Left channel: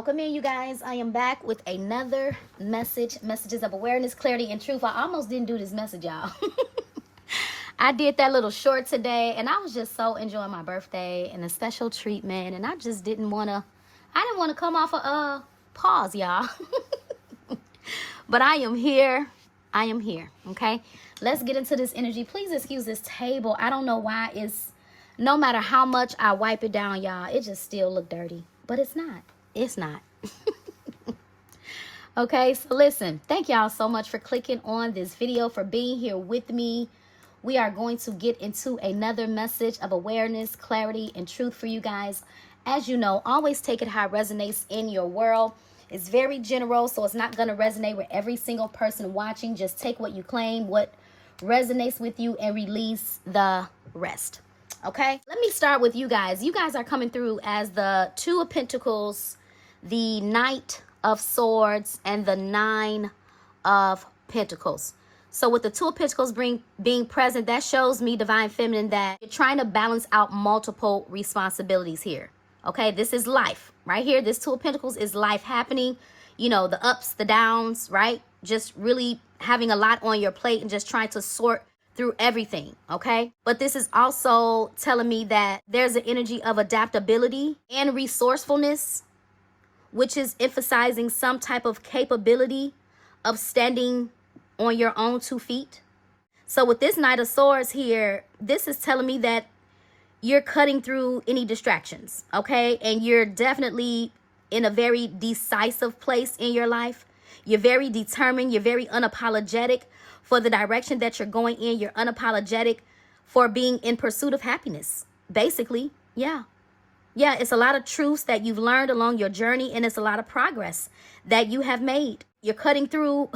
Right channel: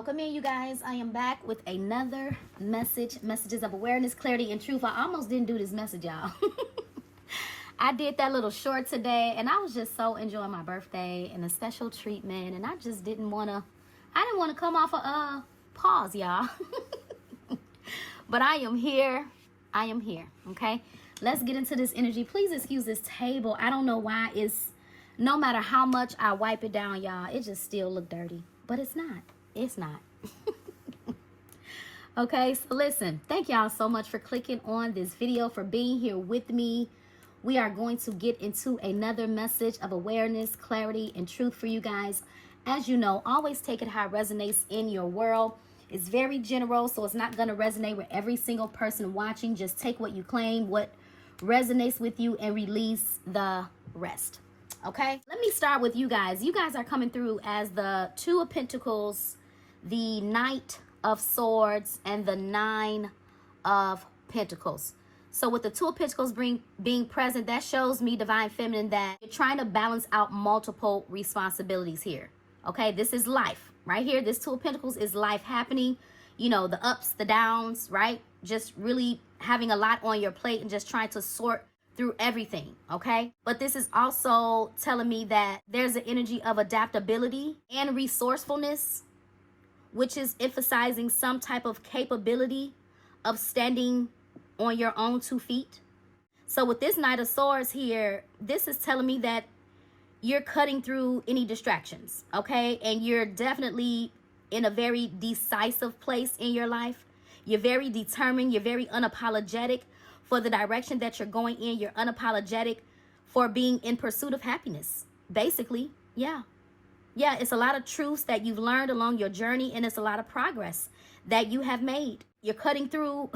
Welcome in, you guys. I am back with another messages of awareness, clarity, and truth. I almost didn't do this message, y'all. I did that little short today, and I was just so enjoying my birthday and the special treatment, and I just didn't want to come off a pause, y'all. But I am here. Okay? Let's get into this energy. Please excuse this table. I don't know why no matter how much I wipe it down, y'all, it just still look dirty. But it's not. It's not. Okay, so listen, thank y'all so much for clicking on this video, for being here with me. We are going to get into another message of awareness, clarity, and truth for you guys. As you know, always take it how it resonates in your world. It's very general, so it's not going to resonate with every single person watching. Just take what you claim, what resonates with you, and release the rest. Okay, let me start with you guys. You guys are coming through as the Two of Pentacles, the Knight of Swords, and the Nine of Pentacles. So with the Two of Pentacles being present, that shows me, Divine Feminine, that you're trying to balance out multiple responsibilities here. Okay, this is life right here. This Two of Pentacles is life happening. You know, the ups, the downs, right? Just really having a lot on your plate and just trying to sort through everything, okay? But this is also telling me that there's an energy of adaptability and resourcefulness, which is emphasizing some type of capability of standing on your own 2 feet. So with this Knight of Swords here, this is telling me that you're cutting through any distractions, okay? And you're definitely in a very decisive place in your life. You're very determined. You're very unapologetic for the direction that you're going in. You're unapologetic for being in pursuit of happiness, basically. Yeah, it's a lot of truths that you've learned along your journey, and it's a lot of progress that you have made. You're cutting through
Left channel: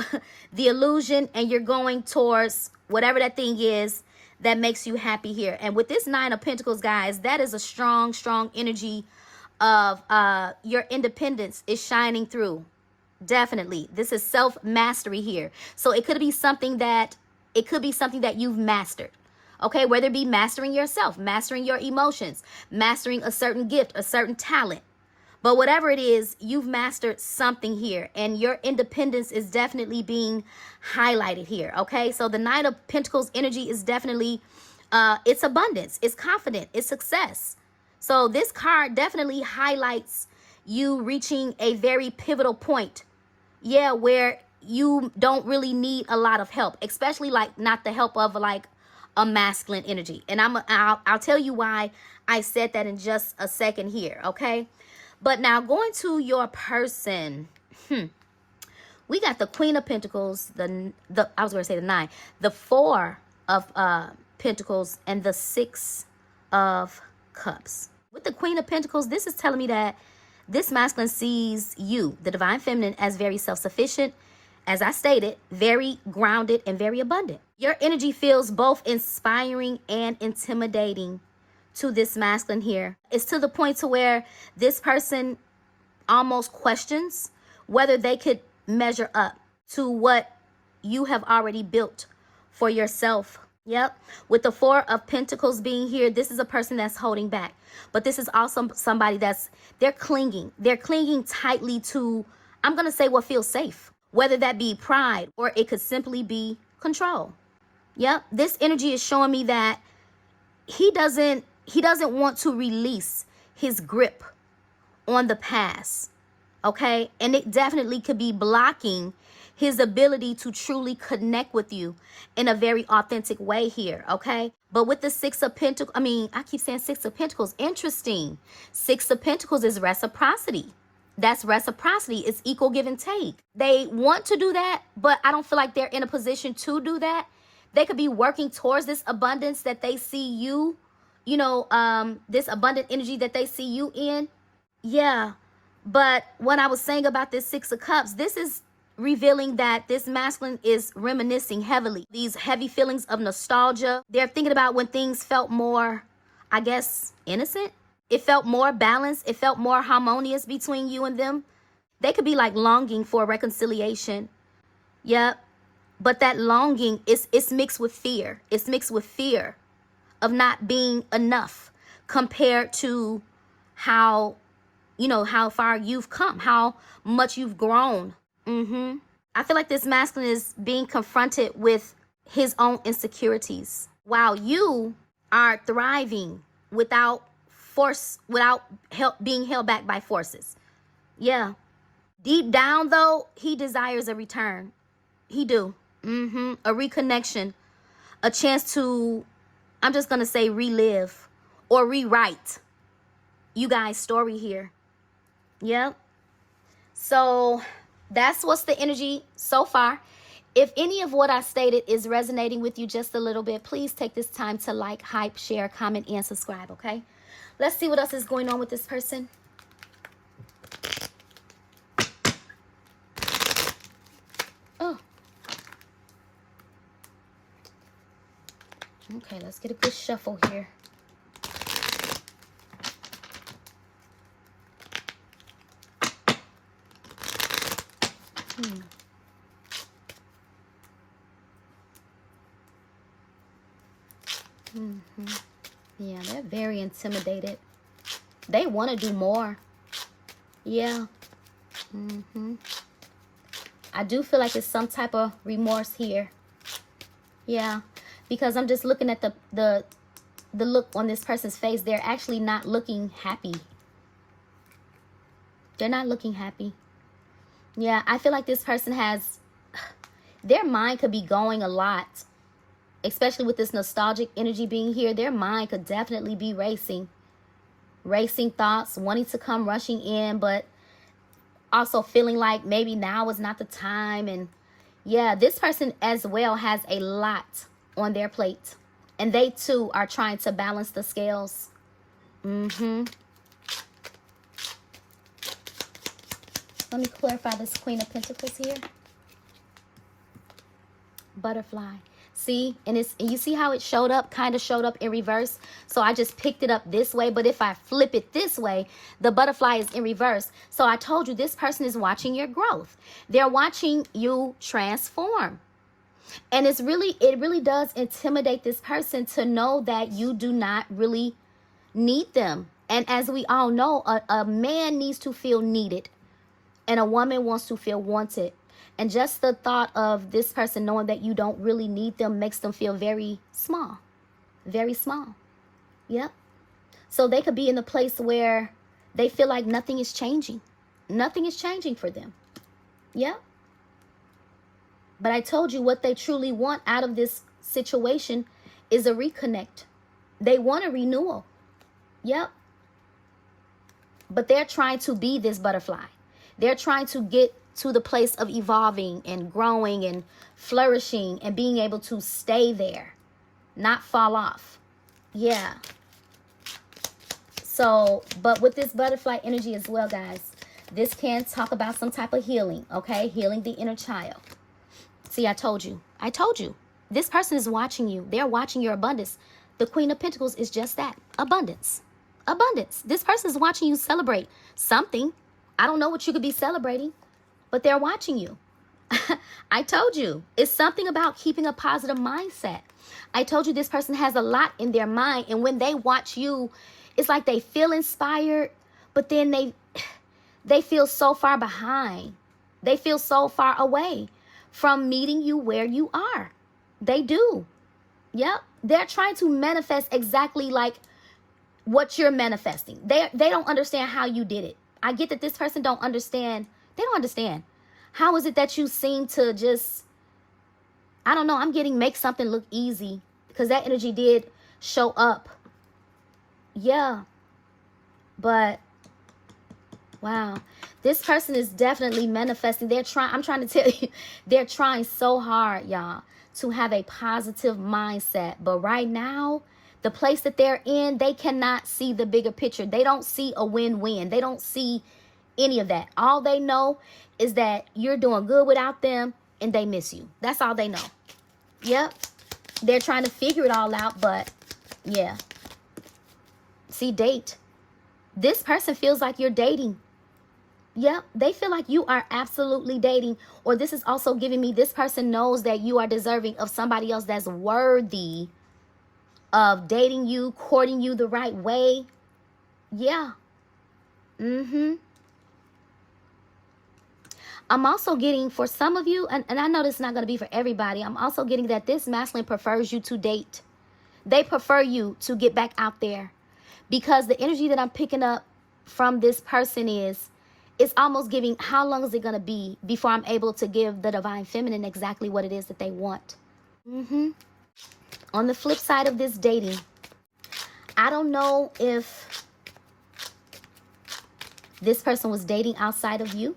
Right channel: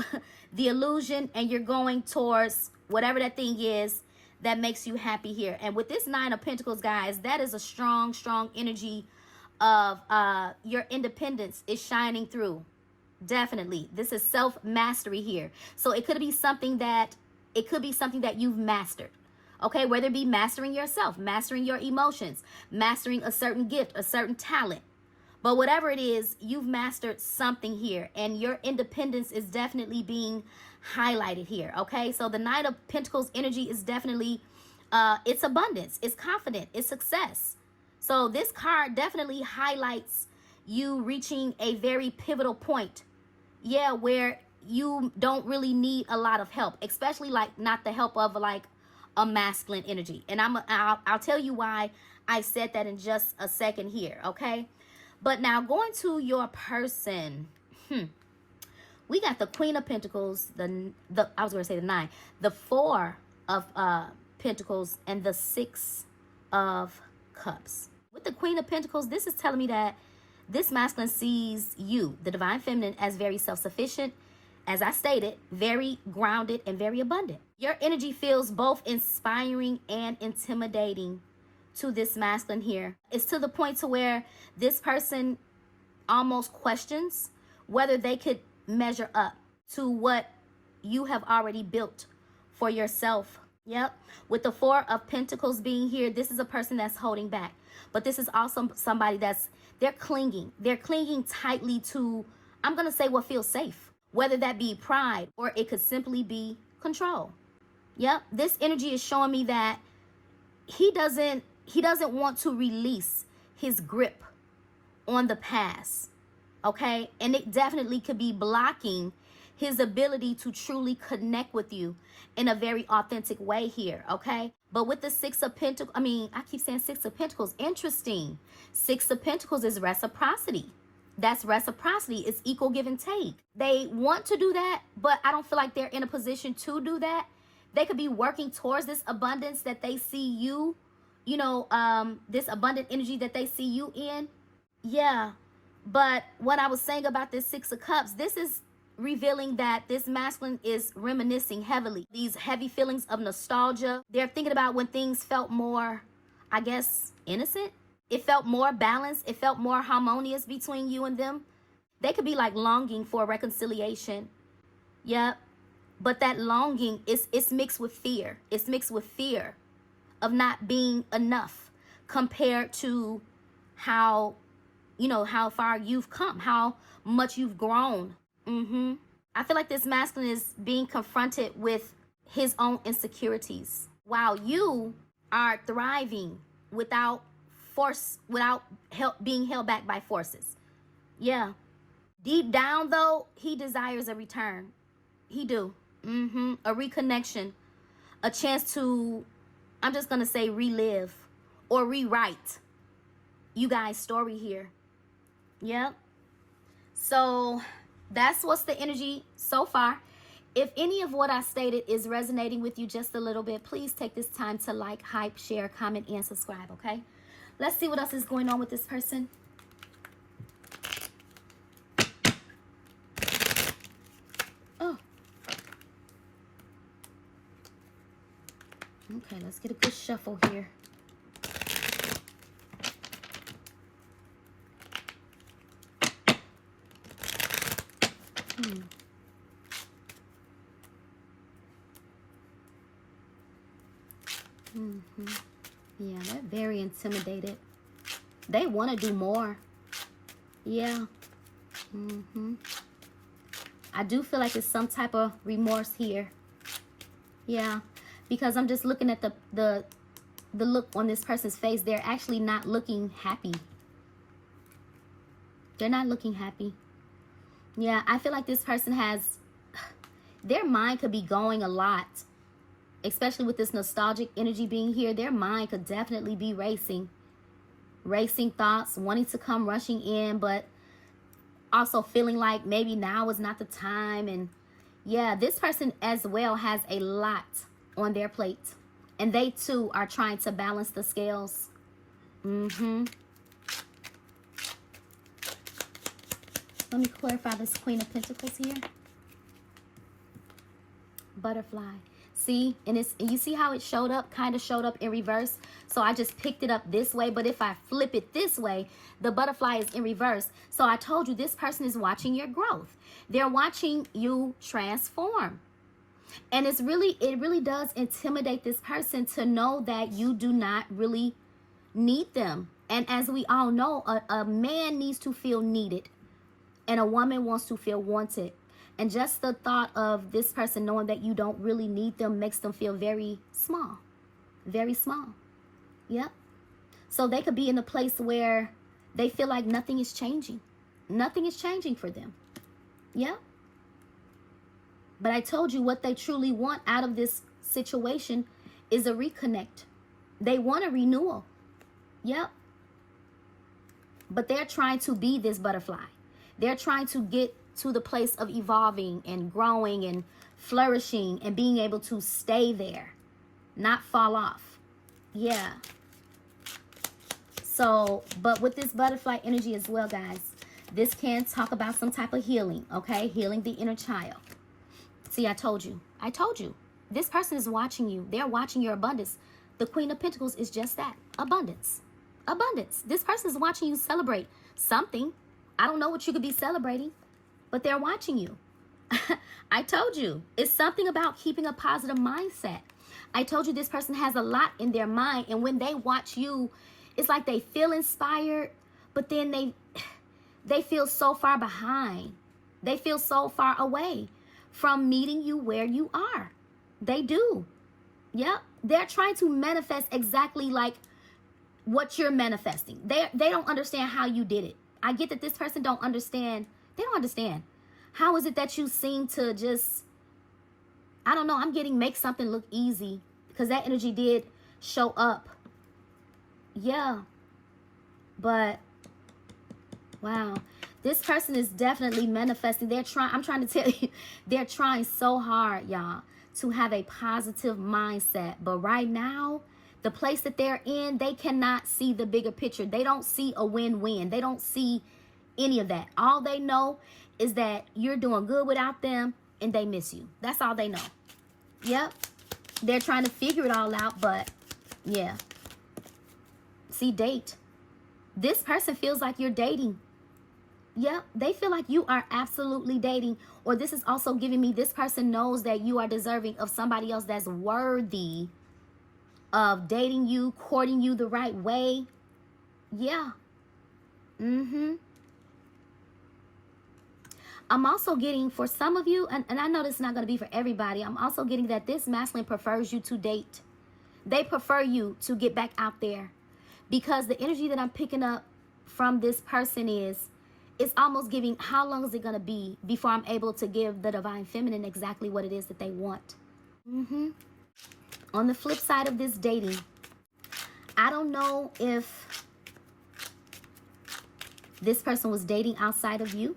the illusion, and you're going towards whatever that thing is that makes you happy here. And with this Nine of Pentacles, guys, that is a strong energy of your independence is shining through. Definitely. This is self-mastery here. So it could be something that you've mastered. Okay, whether it be mastering yourself, mastering your emotions, mastering a certain gift, a certain talent. But whatever it is, you've mastered something here, and your independence is definitely being highlighted here. Okay, so the Knight of Pentacles energy is definitely it's abundance, it's confident, it's success. So this card definitely highlights you reaching a very pivotal point, yeah, where you don't really need a lot of help, especially like not the help of like a masculine energy. And I'll tell you why I said that in just a second here, okay? But now going to your person, we got the Queen of Pentacles, I was going to say the 9, the 4 of Pentacles, and the 6 of Cups. With the Queen of Pentacles, this is telling me that this masculine sees you, the Divine Feminine, as very self-sufficient, as I stated, very grounded and very abundant. Your energy feels both inspiring and intimidating to this masculine here. It's to the point to where this person almost questions whether they could measure up to what you have already built for yourself. Yep. With the 4 of Pentacles being here, this is a person that's holding back. But this is also somebody they're clinging. They're clinging tightly to, I'm going to say, what feels safe. Whether that be pride, or it could simply be control. Yep. This energy is showing me that he doesn't want to release his grip on the past. Okay? And it definitely could be blocking his ability to truly connect with you in a very authentic way here, okay? But with the 6 of Pentacles, I keep saying 6 of Pentacles, interesting. 6 of Pentacles is reciprocity. That's reciprocity. It's equal give and take. They want to do that, but I don't feel like they're in a position to do that. They could be working towards this abundance that they see you, this abundant energy that they see you in. Yeah, but when I was saying about this 6 of Cups, this is revealing that this masculine is reminiscing heavily. These heavy feelings of nostalgia. They're thinking about when things felt more, I guess, innocent. It felt more balanced. It felt more harmonious between you and them. They could be like longing for reconciliation. Yep. But that longing it's mixed with fear. It's mixed with fear of not being enough compared to how you know, how far you've come, how much you've grown. I feel like this masculine is being confronted with his own insecurities while you are thriving without force, without help being held back by forces. Yeah. Deep down though, he desires a return. He do. A reconnection, a chance to, I'm just gonna say, relive or rewrite you guys' story here. Yep. So that's what's the energy so far. If any of what I stated is resonating with you just a little bit, please take this time to like, hype, share, comment, and subscribe, okay? Let's see what else is going on with this person. Oh. Okay, let's get a good shuffle here. Yeah, they're very intimidated. They want to do more. Yeah. I do feel like it's some type of remorse here. Yeah, because I'm just looking at the look on this person's face. They're actually not looking happy. They're not looking happy. Yeah, I feel like this person has, their mind could be going a lot. Especially with this nostalgic energy being here, their mind could definitely be racing. Racing thoughts, wanting to come rushing in, but also feeling like maybe now is not the time. And yeah, this person as well has a lot on their plate. And they too are trying to balance the scales. Let me clarify this Queen of Pentacles here. Butterfly. See, and you see how it showed up, kind of showed up in reverse. So I just picked it up this way, but if I flip it this way, the butterfly is in reverse. So I told you this person is watching your growth. They're watching you transform. And it really does intimidate this person to know that you do not really need them. And as we all know, a man needs to feel needed and a woman wants to feel wanted. And just the thought of this person knowing that you don't really need them makes them feel very small. Very small. Yep. So they could be in a place where they feel like nothing is changing. Nothing is changing for them. Yep. But I told you what they truly want out of this situation is a reconnect. They want a renewal. Yep. But they're trying to be this butterfly. They're trying to get to the place of evolving and growing and flourishing and being able to stay there, not fall off. Yeah. So, but with this butterfly energy as well, guys, this can talk about some type of healing, okay? Healing the inner child. See, I told you. I told you. This person is watching you. They're watching your abundance. The Queen of Pentacles is just that. Abundance. Abundance. This person is watching you celebrate something. I don't know what you could be celebrating, but they're watching you. I told you. It's something about keeping a positive mindset. I told you this person has a lot in their mind, and when they watch you, it's like they feel inspired, but then they feel so far behind. They feel so far away from meeting you where you are. They do. Yep. They're trying to manifest exactly like what you're manifesting. They don't understand how you did it. I get that this person don't understand. They don't understand. How is it that you seem to just, I don't know, I'm getting make something look easy, because that energy did show up. Yeah. But, wow. This person is definitely manifesting. I'm trying to tell you, they're trying so hard, y'all, to have a positive mindset. But right now, the place that they're in, they cannot see the bigger picture. They don't see a win-win. They don't see any of that. All they know is that you're doing good without them and they miss you. That's all they know. Yep. They're trying to figure it all out, but yeah. See, date. This person feels like you're dating. Yep. They feel like you are absolutely dating. Or this is also giving me, this person knows that you are deserving of somebody else that's worthy of dating you, courting you the right way. Yeah. I'm also getting, for some of you, and I know this is not going to be for everybody, I'm also getting that this masculine prefers you to date. They prefer you to get back out there. Because the energy that I'm picking up from this person is, it's almost giving, how long is it going to be before I'm able to give the divine feminine exactly what it is that they want. On the flip side of this dating, I don't know if this person was dating outside of you.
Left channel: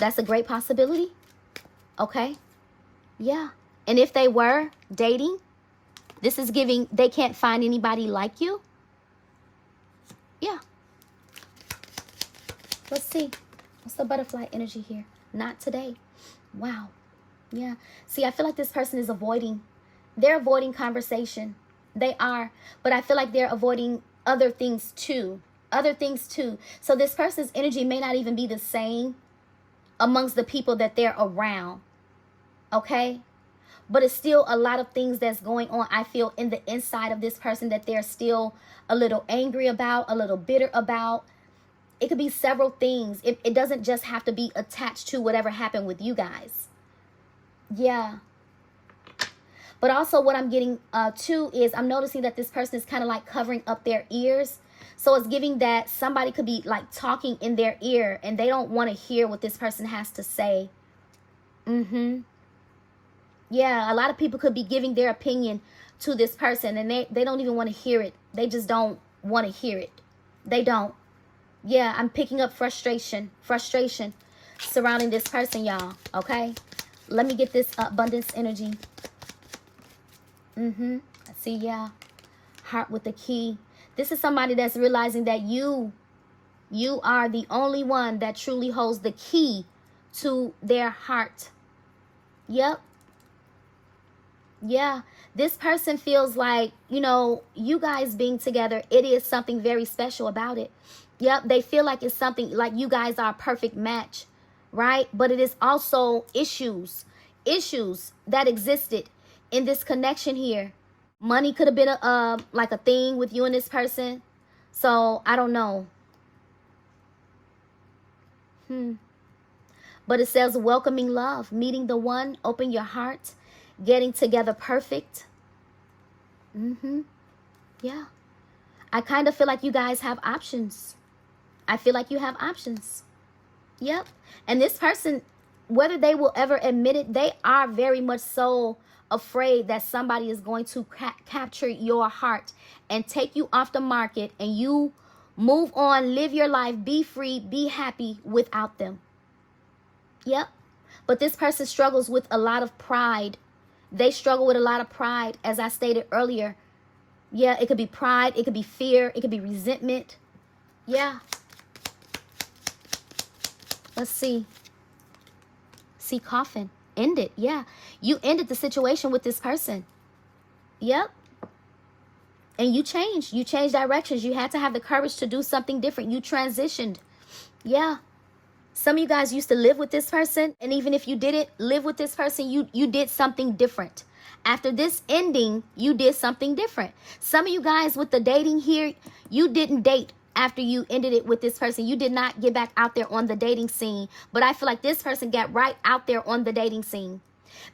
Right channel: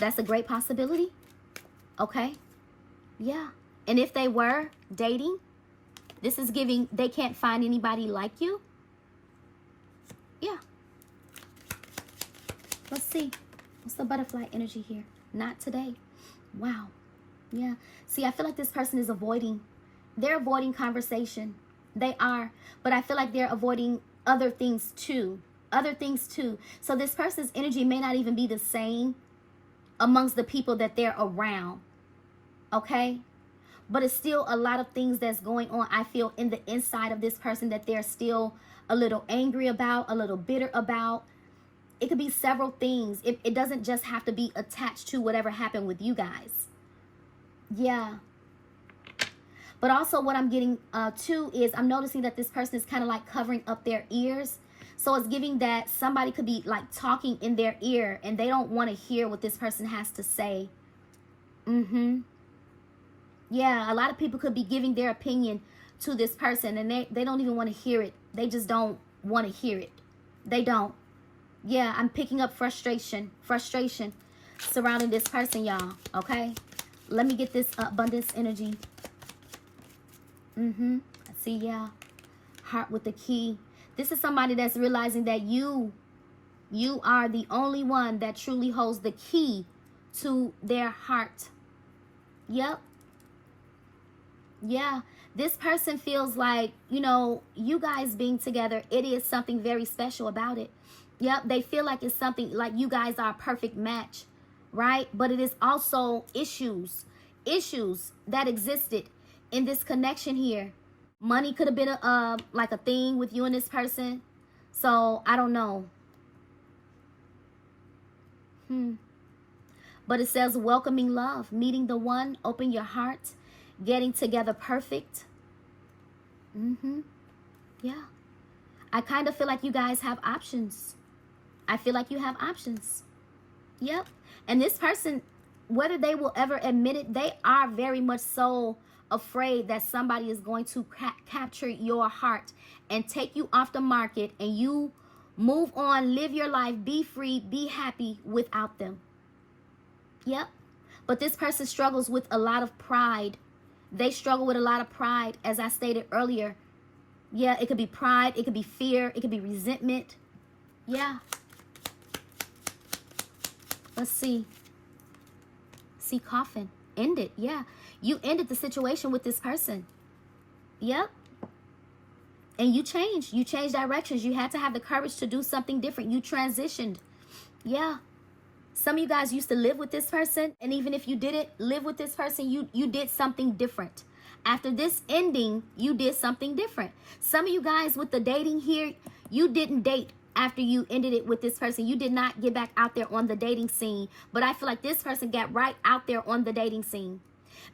That's a great possibility. Okay. Yeah. And if they were dating, this is giving, they can't find anybody like you. Yeah. Let's see. What's the butterfly energy here? Not today. Wow. Yeah. See, I feel like this person is avoiding. They're avoiding conversation. They are. But I feel like they're avoiding other things too. Other things too. So this person's energy may not even be the same amongst the people that they're around. Okay? But it's still a lot of things that's going on, I feel, in the inside of this person that they're still a little angry about, a little bitter about. It could be several things. It doesn't just have to be attached to whatever happened with you guys. Yeah. But also what I'm getting too is I'm noticing that this person is kind of like covering up their ears. So it's giving that somebody could be like talking in their ear and they don't want to hear what this person has to say. Yeah, a lot of people could be giving their opinion to this person and they don't even want to hear it. They just don't want to hear it. They don't. Yeah, I'm picking up frustration surrounding this person, y'all. Okay, let me get this abundance energy. See, yeah, heart with the key. This is somebody that's realizing that you are the only one that truly holds the key to their heart. Yep. Yeah, this person feels like, you know, you guys being together, it is something very special about it. Yep, they feel like it's something like you guys are a perfect match, right? But it is also issues that existed in this connection here. Money could have been like a thing with you and this person. So I don't know. But it says welcoming love, meeting the one, open your heart, getting together perfect. Yeah. I kind of feel like you guys have options. I feel like you have options. Yep. And this person, whether they will ever admit it, they are very much so afraid that somebody is going to capture your heart and take you off the market and you move on, live your life, be free, be happy without them. Yep. But this person struggles with a lot of pride. They struggle with a lot of pride, as I stated earlier. Yeah, it could be pride, it could be fear, it could be resentment. Yeah. Let's see. See, coffin. End it. Yeah. You ended the situation with this person. Yep. And you changed. You changed directions. You had to have the courage to do something different. You transitioned. Yeah. Some of you guys used to live with this person. And even if you didn't live with this person, you did something different. After this ending, you did something different. Some of you guys with the dating here, you didn't date after you ended it with this person. You did not get back out there on the dating scene. But I feel like this person got right out there on the dating scene.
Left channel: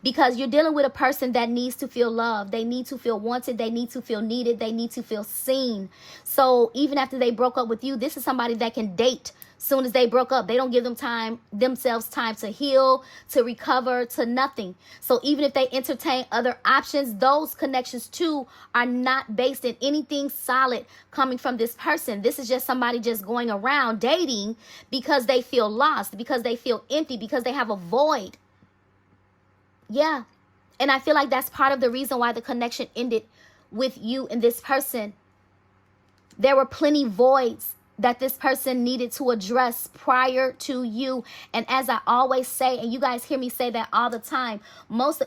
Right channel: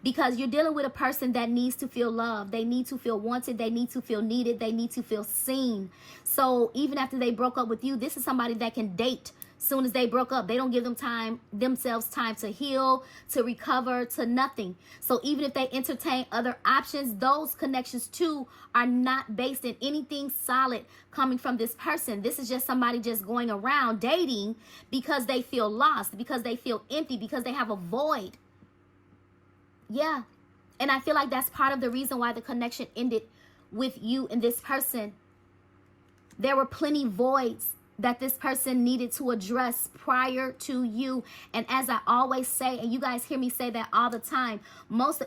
Because you're dealing with a person that needs to feel loved. They need to feel wanted. They need to feel needed. They need to feel seen. So even after they broke up with you, this is somebody that can date soon as they broke up. They don't give themselves time to heal, to recover, to nothing. So even if they entertain other options, those connections too are not based in anything solid coming from this person. This is just somebody just going around dating because they feel lost, because they feel empty, because they have a void. Yeah. And I feel like that's part of the reason why the connection ended with you and this person. There were plenty voids that this person needed to address prior to you. And as I always say, and you guys hear me say that all the time,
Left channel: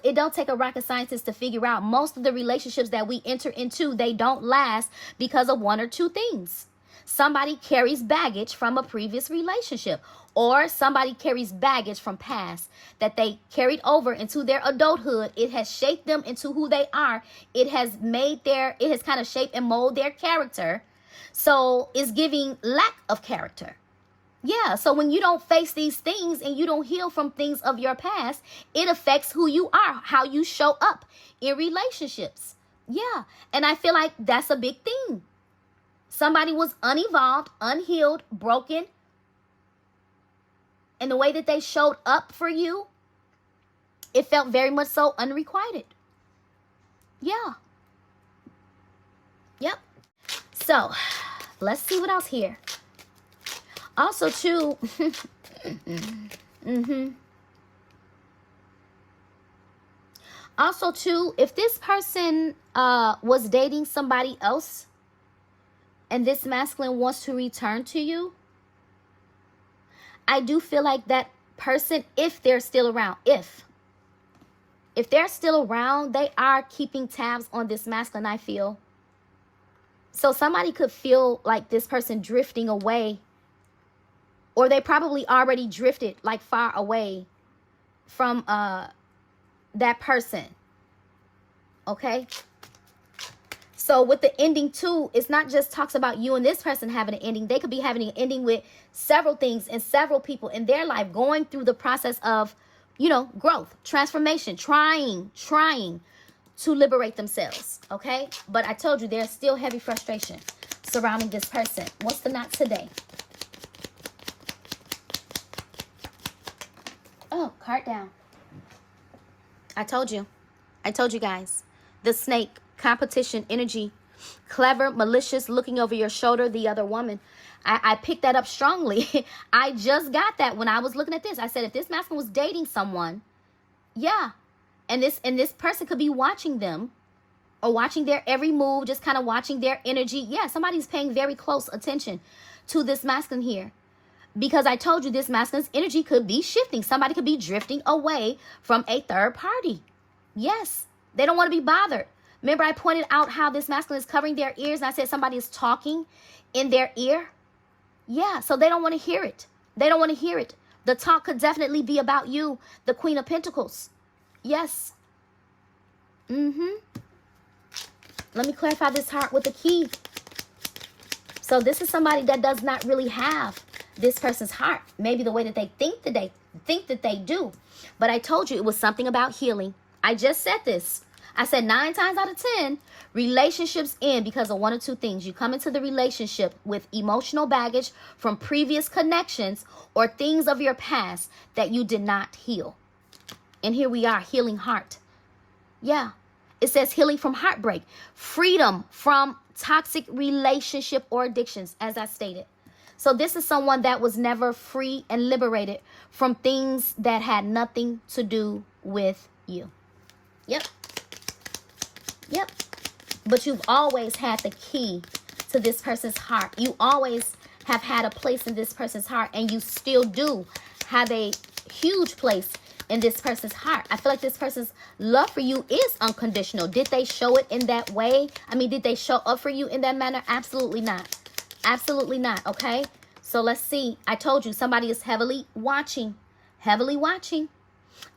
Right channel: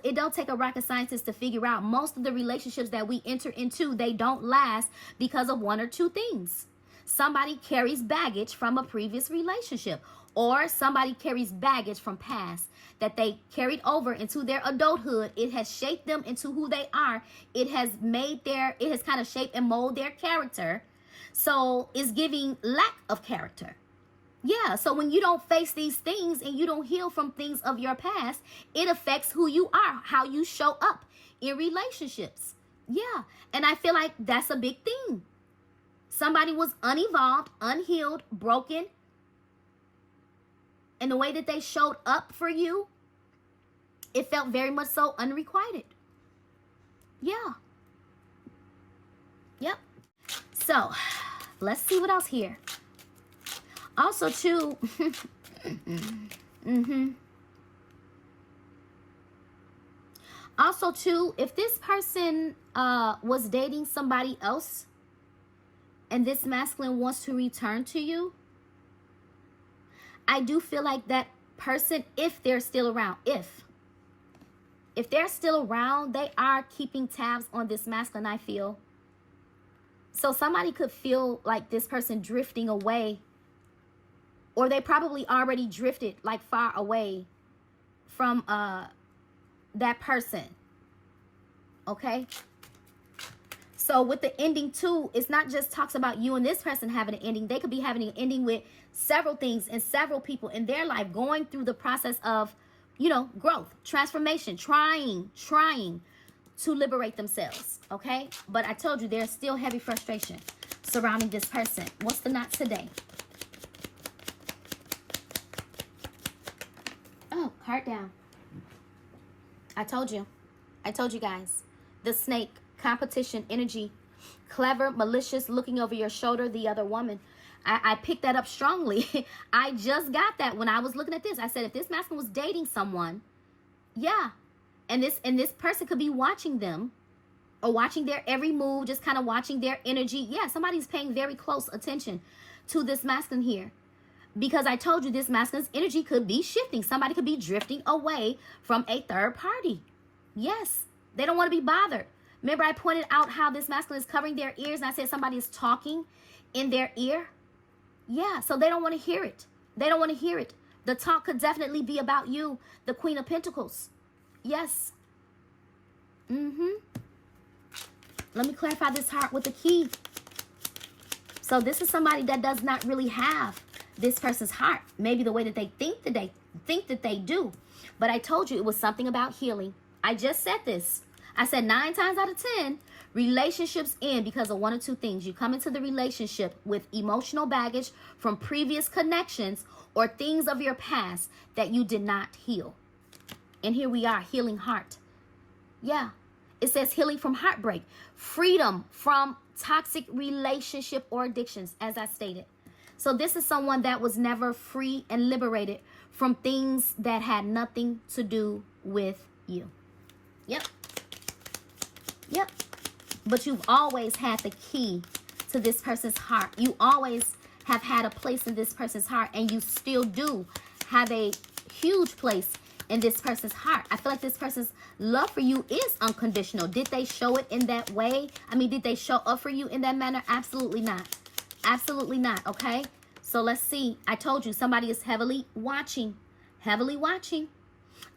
it don't take a rocket scientist to figure out most of the relationships that we enter into, they don't last because of one or two things. Somebody carries baggage from a previous relationship, or somebody carries baggage from past that they carried over into their adulthood. It has shaped them into who they are. It has kind of shaped and molded their character. So it's giving lack of character. Yeah, so when you don't face these things and you don't heal from things of your past, it affects who you are, how you show up in relationships. Yeah, and I feel like that's a big thing. Somebody was unevolved, unhealed, broken, and the way that they showed up for you, it felt very much so unrequited. Yeah. Yep. So, let's see what else here. Also, too, also, too, if this person was dating somebody else and this masculine wants to return to you, I do feel like that person, if they're still around, if they're still around, they are keeping tabs on this masculine, I feel. So somebody could feel like this person drifting away, or they probably already drifted like far away from that person. Okay? So with the ending too, it's not just talks about you and this person having an ending. They could be having an ending with several things and several people in their life going through the process of, you know, growth, transformation, trying to liberate themselves. Okay? But I told you there's still heavy frustration surrounding this person. What's the knot today? Oh, card down. I told you guys. The snake, competition, energy, clever, malicious, looking over your shoulder, the other woman. I picked that up strongly. I just got that when I was looking at this. I said, if this masculine was dating someone, yeah, and this person could be watching them or watching their every move, just kind of watching their energy. Yeah, somebody's paying very close attention to this masculine here. Because I told you this masculine's energy could be shifting. Somebody could be drifting away from a third party. Yes, they don't want to be bothered. Remember I pointed out how this masculine is covering their ears, and I said somebody is talking in their ear. Yeah, so they don't want to hear it. They don't want to hear it. The talk could definitely be about you, the Queen of Pentacles. Yes. Let me clarify this heart with the key. So this is somebody that does not really have this person's heart. Maybe the way that they think that they do. But I told you it was something about healing. I just said this. I said 9 times out of 10, relationships end because of one or two things. You come into the relationship with emotional baggage from previous connections or things of your past that you did not heal. And here we are, healing heart. Yeah. It says healing from heartbreak, freedom from toxic relationship or addictions, as I stated. So this is someone that was never free and liberated from things that had nothing to do with you. Yep. Yep. But you've always had the key to this person's heart. You always have had a place in this person's heart, and you still do have a huge place in this person's heart. I feel like this person's love for you is unconditional. Did they show it in that way? I mean, did they show up for you in that manner? Absolutely not. Absolutely not, okay? So let's see. I told you somebody is heavily watching. Heavily watching.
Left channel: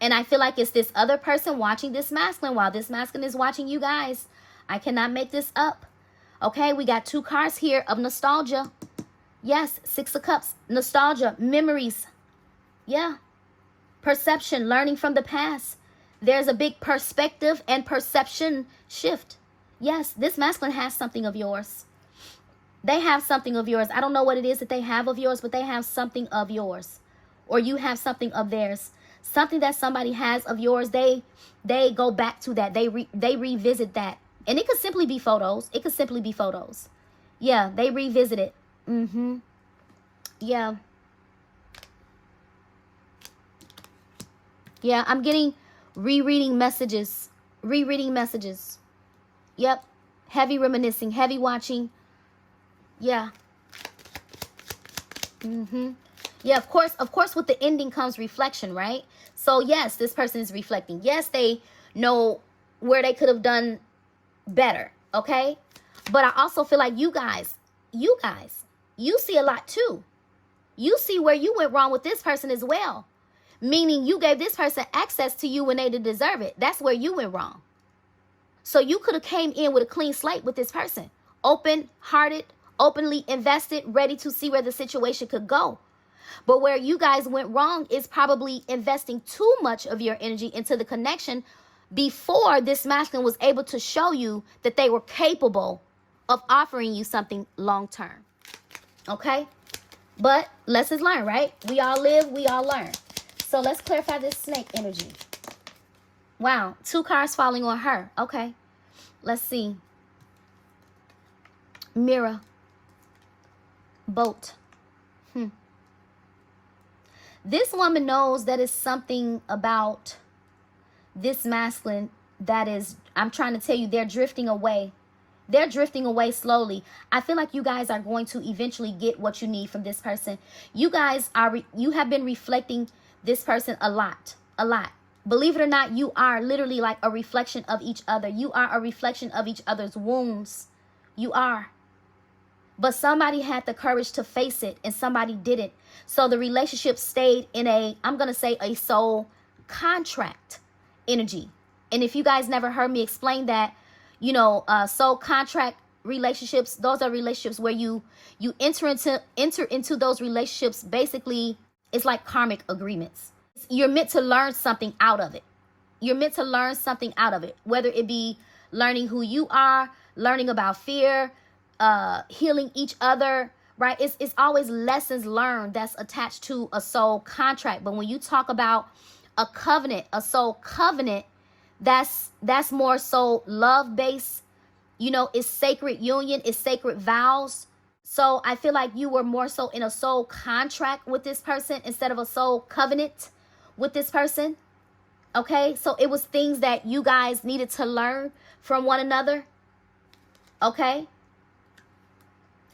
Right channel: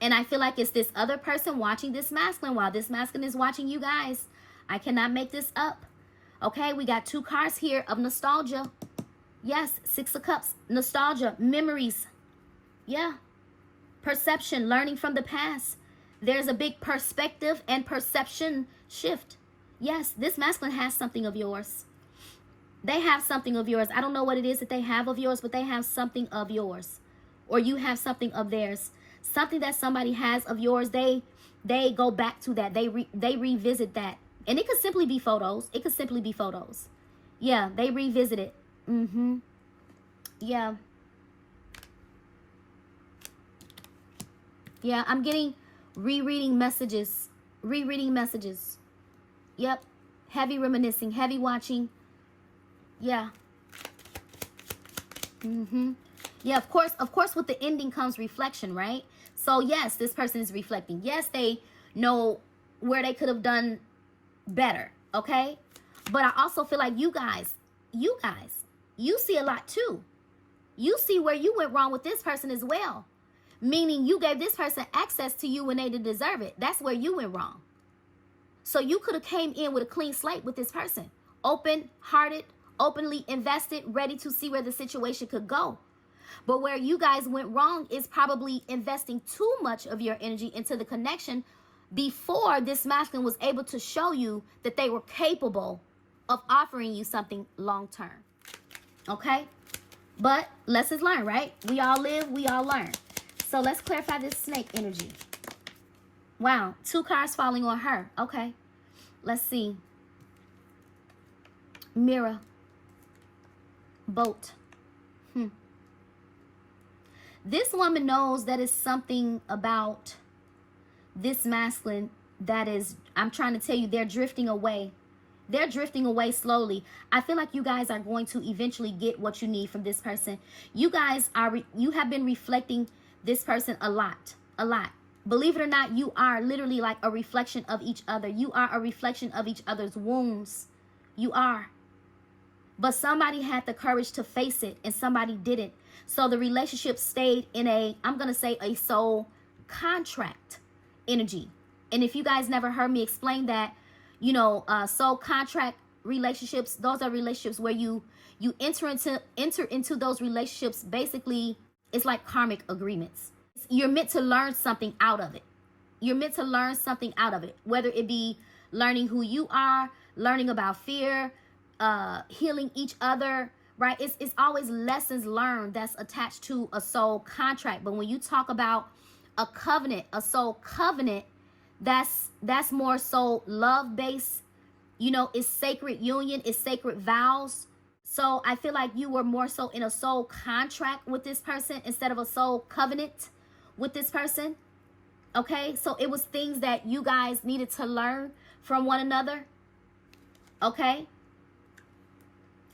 And I feel like it's this other person watching this masculine while this masculine is watching you guys. I cannot make this up. Okay, we got 2 cards here of nostalgia. Yes, 6 of Cups. Nostalgia, memories. Yeah. Perception, learning from the past. There's a big perspective and perception shift. Yes, this masculine has something of yours. They have something of yours. I don't know what it is that they have of yours, but they have something of yours. Or you have something of theirs. Something that somebody has of yours, they go back to that. They revisit that. And it could simply be photos. It could simply be photos. Yeah, they revisit it. Yeah. Yeah, I'm getting rereading messages. Rereading messages. Yep. Heavy reminiscing. Heavy watching. Yeah. Yeah, of course with the ending comes reflection, right? So yes, this person is reflecting. Yes, they know where they could have done better, okay? But I also feel like you guys, you see a lot too. You see where you went wrong with this person as well. Meaning you gave this person access to you when they didn't deserve it. That's where you went wrong. So you could have came in with a clean slate with this person. Open-hearted, openly invested, ready to see where the situation could go. But where you guys went wrong is probably investing too much of your energy into the connection before this masculine was able to show you that they were capable of offering you something long term. Okay? But lessons learned, right? We all live, we all learn. So let's clarify this snake energy. Wow, 2 cards falling on her. Okay. Let's see. Mirror. Boat. This woman knows that it's something about this masculine that is, I'm trying to tell you, they're drifting away. They're drifting away slowly. I feel like you guys are going to eventually get what you need from this person. You guys you have been reflecting this person a lot. Believe it or not, you are literally like a reflection of each other. You are a reflection of each other's wounds. You are. But somebody had the courage to face it and somebody didn't. So the relationship stayed in a, I'm going to say, a soul contract energy. And if you guys never heard me explain that, you know, soul contract relationships, those are relationships where you enter into those relationships. Basically, it's like karmic agreements. You're meant to learn something out of it. You're meant to learn something out of it, whether it be learning who you are, learning about fear, healing each other, right? It's always lessons learned that's attached to a soul contract. But when you talk about a covenant, a soul covenant, that's more so love based. You know, it's sacred union, it's sacred vows. So I feel like you were more so in a soul contract with this person instead of a soul covenant with this person. Okay, so it was things that you guys needed to learn from one another. Okay,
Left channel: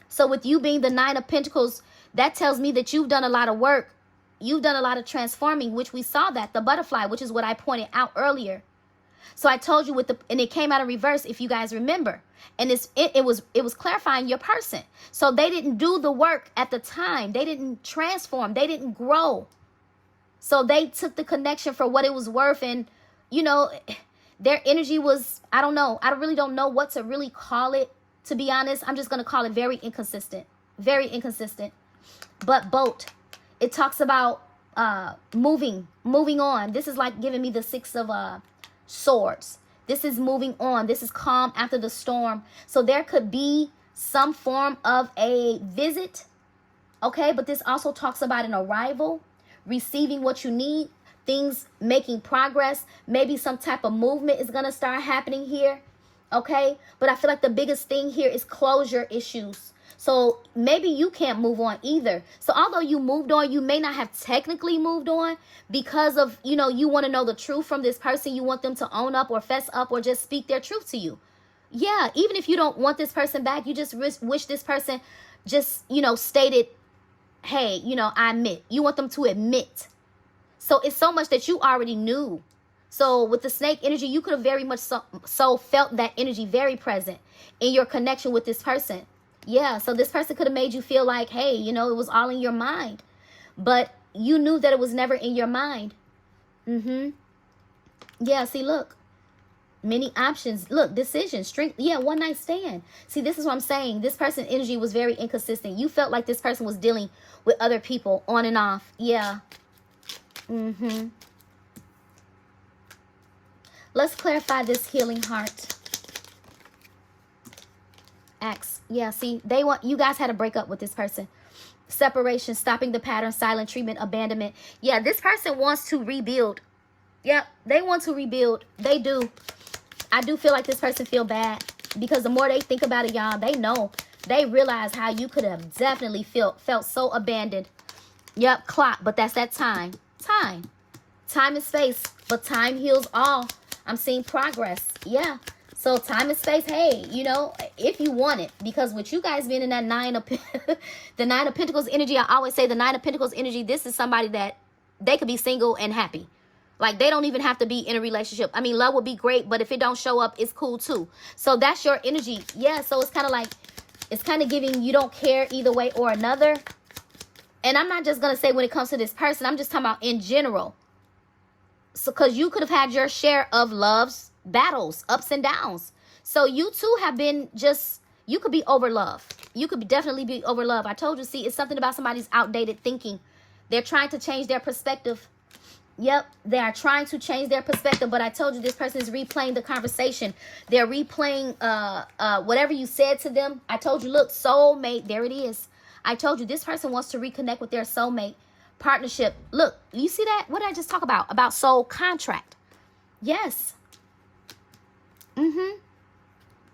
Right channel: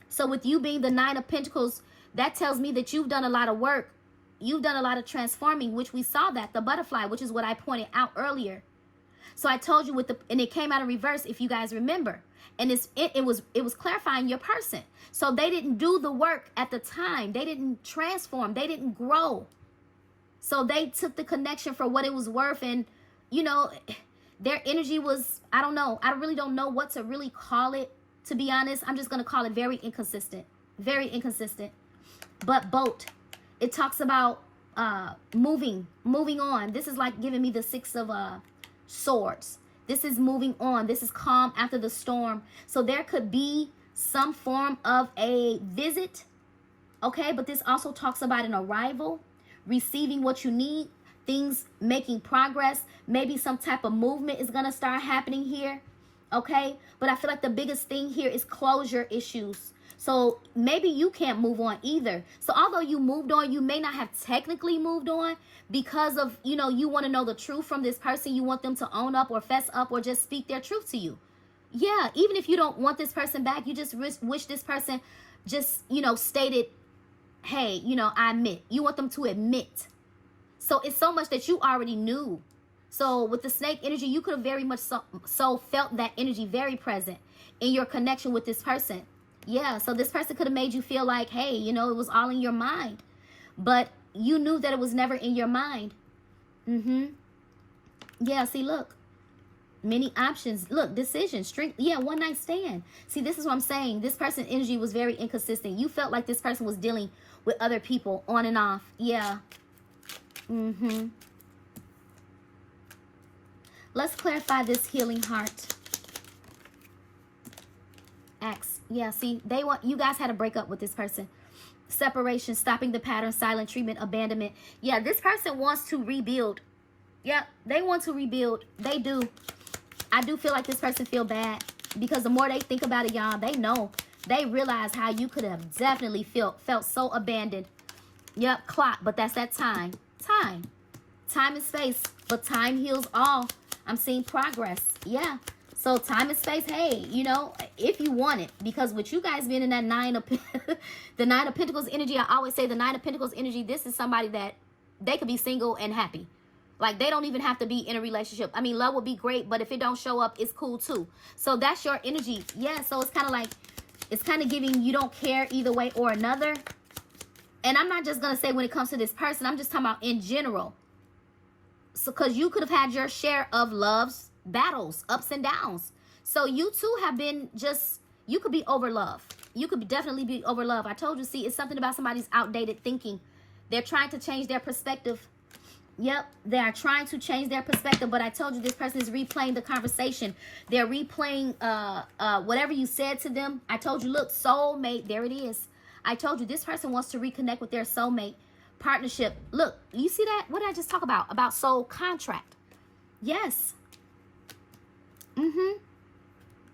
so with you being the 9 of Pentacles, that tells me that you've done a lot of work. You've done a lot of transforming, which we saw that, the butterfly, which is what I pointed out earlier. So I told you with the, and it came out of reverse, if you guys remember. And it was clarifying your person. So they didn't do the work at the time. They didn't transform. They didn't grow. So they took the connection for what it was worth. And, you know, their energy was, I don't know. I really don't know what to really call it, to be honest. I'm just going to call it very inconsistent. Very inconsistent. But boat. It talks about moving on. This is like giving me the 6 of swords. This is moving on. This is calm after the storm. So there could be some form of a visit. Okay, but this also talks about an arrival, receiving what you need, things making progress. Maybe some type of movement is going to start happening here. Okay, but I feel like the biggest thing here is closure issues. So maybe you can't move on either. So although you moved on, you may not have technically moved on because of, you know, you want to know the truth from this person. You want them to own up or fess up or just speak their truth to you. Yeah, even if you don't want this person back, you just wish this person just, you know, stated, hey, you know, I admit. You want them to admit. So it's so much that you already knew. So with the snake energy, you could have very much so felt that energy very present in your connection with this person. Yeah, so this person could have made you feel like, hey, you know, it was all in your mind. But you knew that it was never in your mind. Yeah, see, look. Many options. Look, decision, strength. Yeah, one night stand. See, this is what I'm saying. This person's energy was very inconsistent. You felt like this person was dealing with other people on and off. Yeah. Let's clarify this healing heart. Axe. Yeah, see, you guys had to break up with this person. Separation, stopping the pattern, silent treatment, abandonment. Yeah, this person wants to rebuild. Yeah, they want to rebuild. They do. I do feel like this person feel bad because the more they think about it, y'all, they know. They realize how you could have definitely felt so abandoned. Yep, clock, but that's that time. Time and space, but time heals all. I'm seeing progress. Yeah. So time and space, hey, you know, if you want it, because with you guys being in that the 9 of Pentacles energy, I always say the 9 of Pentacles energy, this is somebody that they could be single and happy. Like, they don't even have to be in a relationship. I mean, love would be great, but if it don't show up, it's cool too. So that's your energy. Yeah, so it's kind of like, it's kind of giving you don't care either way or another. And I'm not just going to say when it comes to this person, I'm just talking about in general. So, because you could have had your share of love's battles, ups and downs. So you too have been just You could be over love. You could definitely be over love. I told you, see, it's something about somebody's outdated thinking. They're trying to change their perspective. Yep, they are trying to change their perspective, but I told you this person is replaying the conversation. They're replaying whatever you said to them. I told you, look, soulmate, there it is. I told you this person wants to reconnect with their soulmate. Partnership. Look, you see that? What did I just talk about? About soul contract. Yes.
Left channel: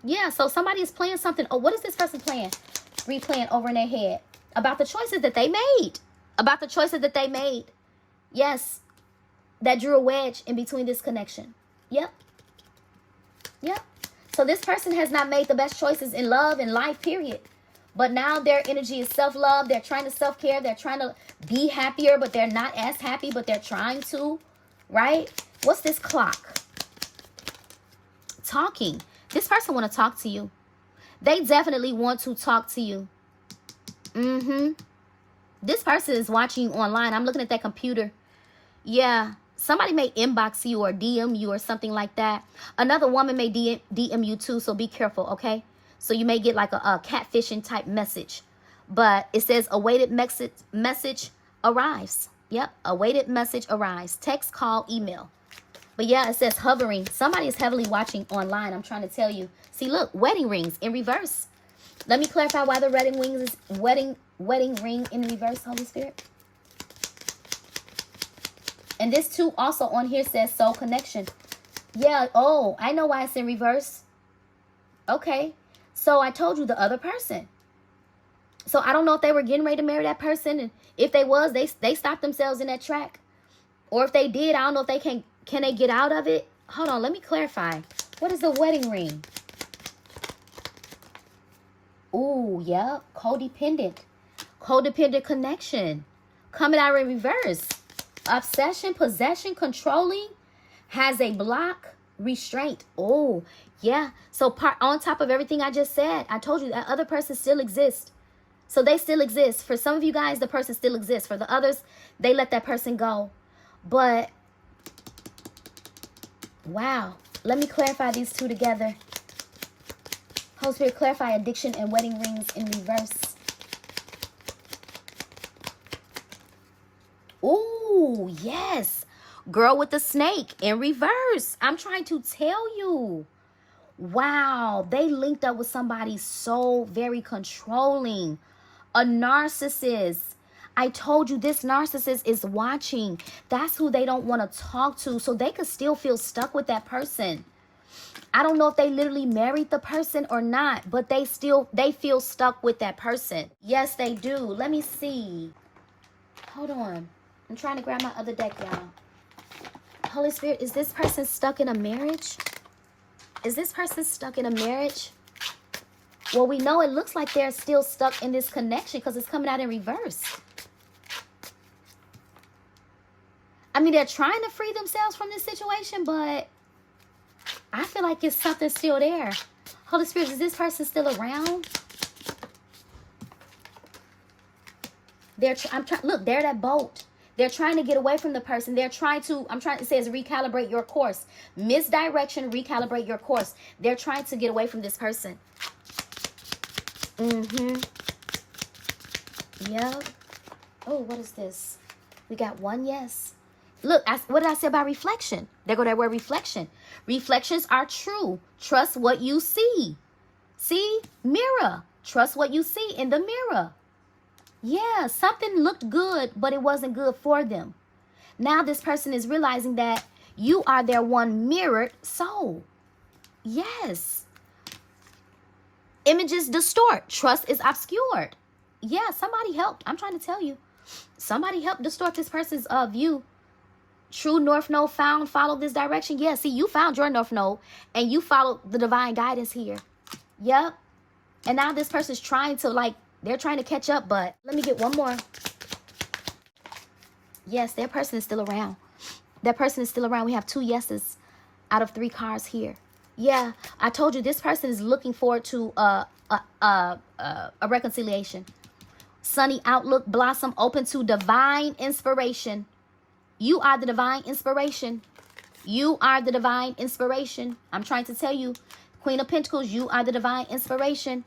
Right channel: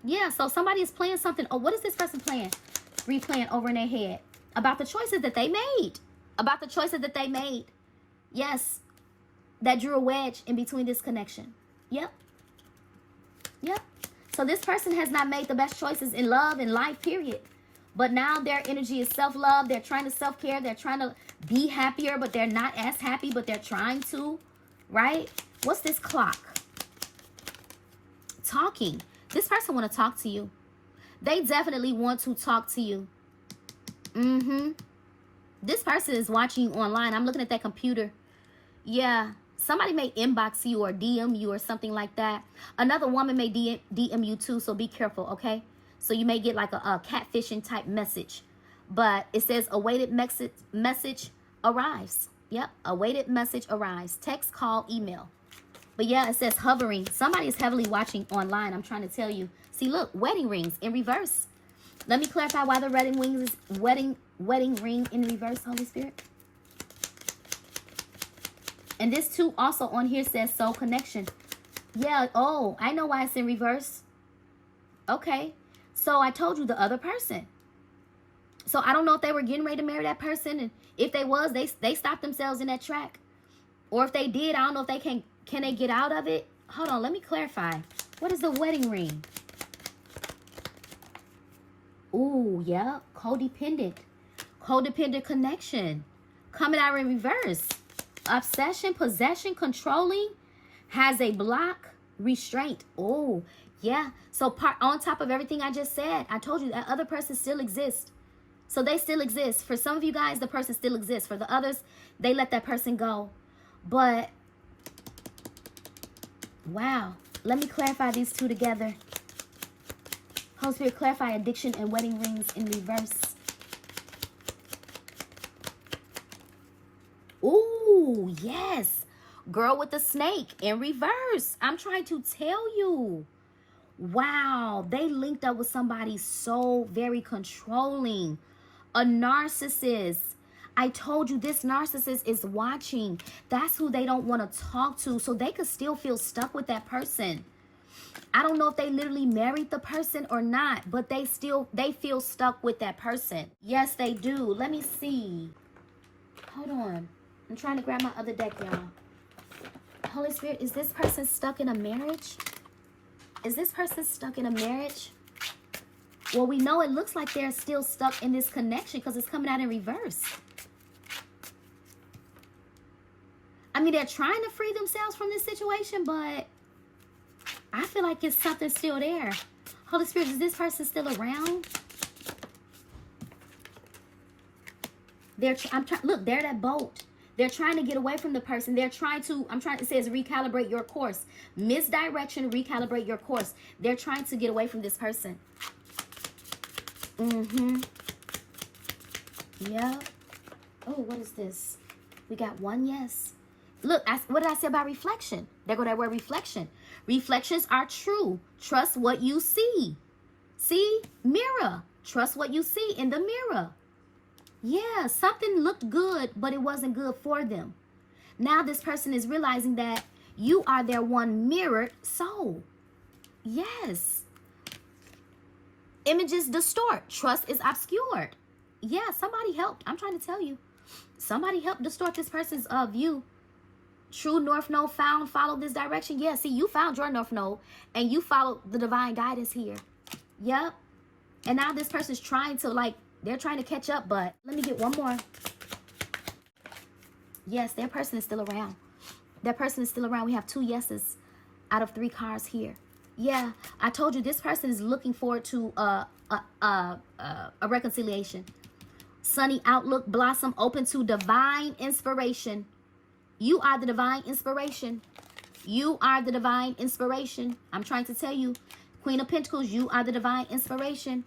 Yeah, so somebody is playing something. Oh, what is this person playing? Replaying over in their head. About the choices that they made. About the choices that they made. Yes. That drew a wedge in between this connection. Yep. Yep. So this person has not made the best choices in love and life, period. But now their energy is self-love. They're trying to self-care. They're trying to be happier, but they're not as happy, but they're trying to. Right? What's this clock? Talking. This person want to talk to you. They definitely want to talk to you. This person is watching you online. I'm looking at that computer. Yeah. Somebody may inbox you or DM you or something like that. Another woman may DM you too, so be careful, okay? So you may get like a catfishing type message. But it says awaited message arrives. Yep, awaited message arrives. Text, call, email. But yeah, it says hovering. Somebody is heavily watching online. I'm trying to tell you. See, look, wedding rings in reverse. Let me clarify why the wedding ring in reverse, Holy Spirit. And this too also on here says soul connection. Yeah, oh, I know why it's in reverse. Okay. So I told you the other person. So I don't know if they were getting ready to marry that person. And if they was, they stopped themselves in that track. Or if they did, I don't know if they can they get out of it? Hold on, let me clarify. What is the wedding ring? Ooh, yeah, codependent. Codependent connection. Coming out in reverse. Obsession, possession, controlling, has a block, restraint. Oh, yeah. So on top of everything I just said, I told you that other person still exists. So they still exist. For some of you guys, the person still exists. For the others, they let that person go. But, wow. Let me clarify these two together. Holy Spirit, clarify addiction and wedding rings in reverse. Ooh, yes. Girl with the snake in reverse. I'm trying to tell you. Wow. They linked up with somebody so very controlling. A narcissist. I told you this narcissist is watching. That's who they don't want to talk to. So they could still feel stuck with that person. I don't know if they literally married the person or not. But they feel stuck with that person. Yes, they do. Let me see. Hold on. I'm trying to grab my other deck, y'all. Holy Spirit, is this person stuck in a marriage? Is this person stuck in a marriage? Well, we know it looks like they're still stuck in this connection because it's coming out in reverse. I mean, they're trying to free themselves from this situation, but I feel like it's something still there. Holy Spirit, is this person still around? Look, they're that boat. They're trying to get away from the person. They're trying to, it says recalibrate your course. Misdirection, recalibrate your course. They're trying to get away from this person. Yep. Oh, what is this? We got one yes. Look, what did I say about reflection? There go that word reflection. Reflections are true. Trust what you see. See? Mirror. Trust what you see in the mirror. Yeah, something looked good, but it wasn't good for them. Now this person is realizing that you are their one mirrored soul. Yes. Images distort. Trust is obscured. Yeah, somebody helped. I'm trying to tell you. Somebody helped distort this person's view. True North Node found. Follow this direction. Yeah, see, you found your North Node and you followed the divine guidance here. Yep. And now this person's trying to they're trying to catch up, but let me get one more. Yes, their person is still around. That person is still around. We have 2 yeses out of 3 cards here. Yeah, I told you this person is looking forward to a reconciliation. Sunny outlook, blossom, open to divine inspiration. You are the divine inspiration. You are the divine inspiration. I'm trying to tell you, Queen of Pentacles, you are the divine inspiration.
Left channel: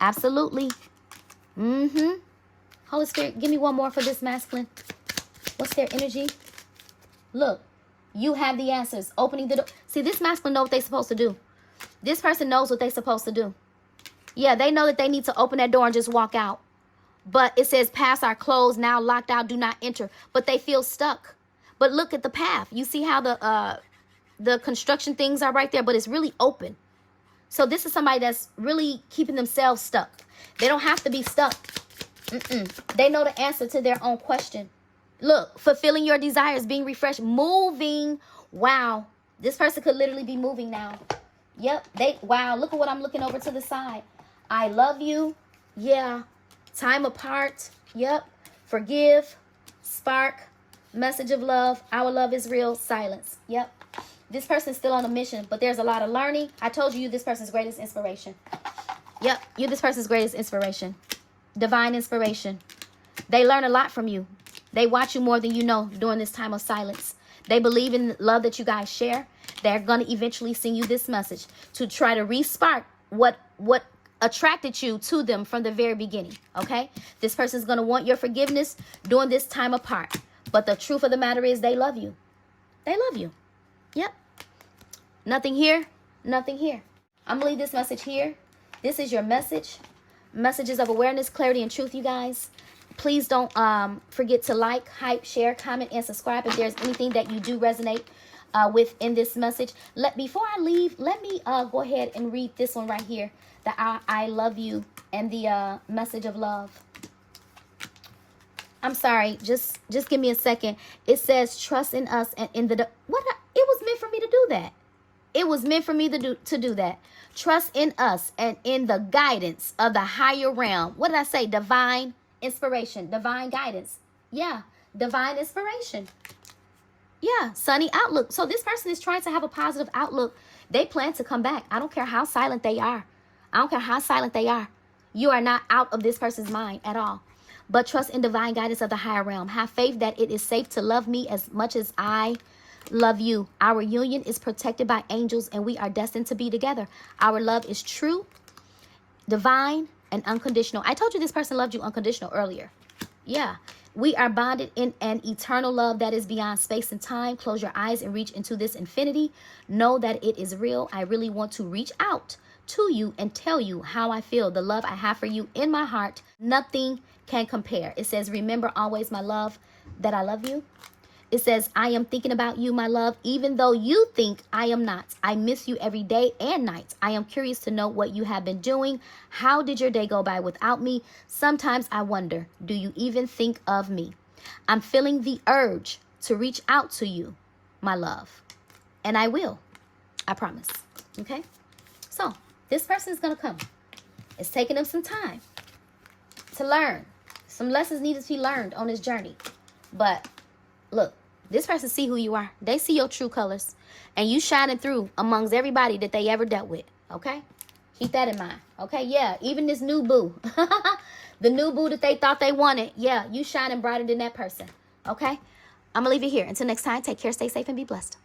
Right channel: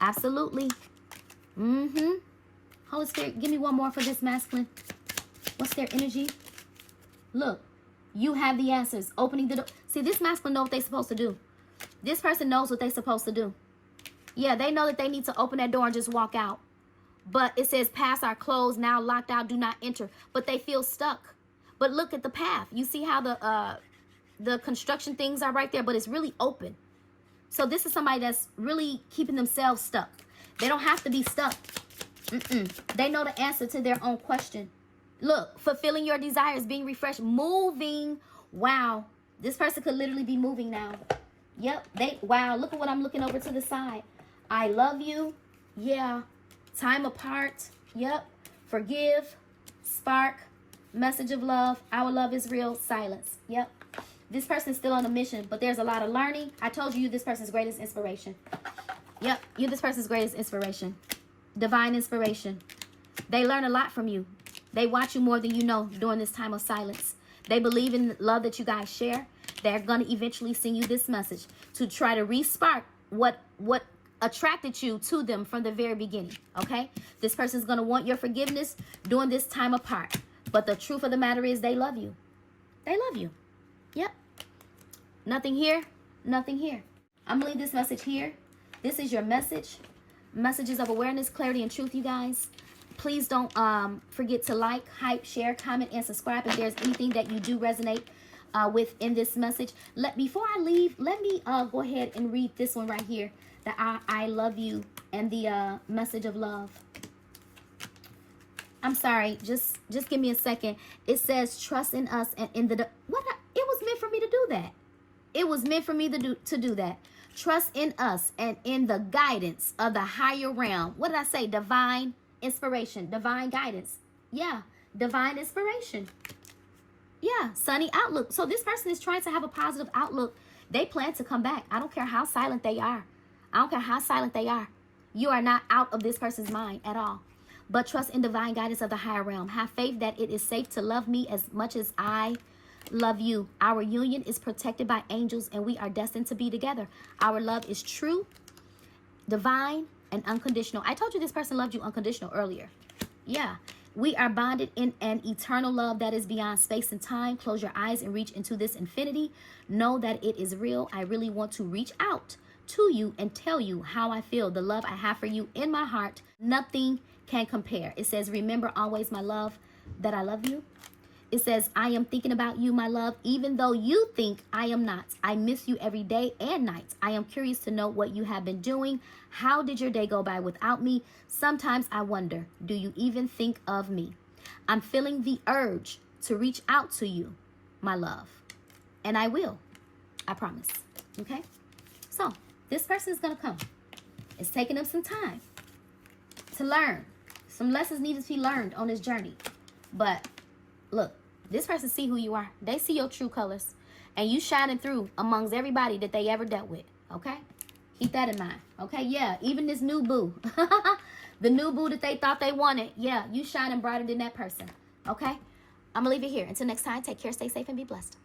Absolutely. Holy Spirit, give me one more for this masculine. What's their energy? Look, you have the answers. Opening the door. See, this masculine knows what they're supposed to do. This person knows what they're supposed to do. Yeah, they know that they need to open that door and just walk out. But it says, paths are closed, now locked out, do not enter. But they feel stuck. But look at the path. You see how the construction things are right there, but it's really open. So this is somebody that's really keeping themselves stuck. They don't have to be stuck. They know the answer to their own question. Look, fulfilling your desires, being refreshed, moving. Wow. This person could literally be moving now. Yep. Wow. Look at what I'm looking over to the side. I love you. Yeah. Time apart. Yep. Forgive. Spark. Message of love. Our love is real. Silence. Yep. This person's still on a mission, but there's a lot of learning. I told you this person's greatest inspiration. Yep. You're this person's greatest inspiration. Divine inspiration. They learn a lot from you. They watch you more than you know during this time of silence. They believe in the love that you guys share. They're going to eventually send you this message to try to re-spark what attracted you to them from the very beginning. Okay? This person's going to want your forgiveness during this time apart. But the truth of the matter is they love you. They love you. Yep. Nothing here. Nothing here. I'm going to leave this message here. This is your message. Messages of awareness, clarity, and truth, you guys. Please don't forget to like, hype, share, comment, and subscribe if there's anything that you do resonate with in this message. Before I leave, let me go ahead and read this one right here. The I love you and the message of love. I'm sorry, just give me a second. It says trust in us and in the it was meant for me to do that. It was meant for me to do that. Trust in us and in the guidance of the higher realm. What did I say? Divine inspiration, divine guidance. Yeah, divine inspiration. Yeah, sunny outlook. So this person is trying to have a positive outlook. They plan to come back. I don't care how silent they are. I don't care how silent they are. You are not out of this person's mind at all. But trust in divine guidance of the higher realm. Have faith that it is safe to love me as much as I love you. Our union is protected by angels and we are destined to be together. Our love is true, divine, and unconditional. I told you this person loved you unconditional earlier. Yeah. We are bonded in an eternal love that is beyond space and time. Close your eyes and reach into this infinity. Know that it is real. I really want to reach out to you and tell you how I feel. The love I have for you in my heart, nothing can compare. It says, remember always, my love, that I love you. It says, I am thinking about you, my love, even though you think I am not. I miss you every day and night. I am curious to know what you have been doing. How did your day go by without me? Sometimes I wonder, do you even think of me? I'm feeling the urge to reach out to you, my love. And I will. I promise. Okay? So, this person is going to come. It's taking them some time to learn. Some lessons need to be learned on this journey. But, look. This person see who you are. They see your true colors. And you shining through amongst everybody that they ever dealt with. Okay? Keep that in mind. Okay? Yeah. Even this new boo. The new boo that they thought they wanted. Yeah. You shining brighter than that person. Okay? I'm going to leave it here. Until next time. Take care. Stay safe and be blessed.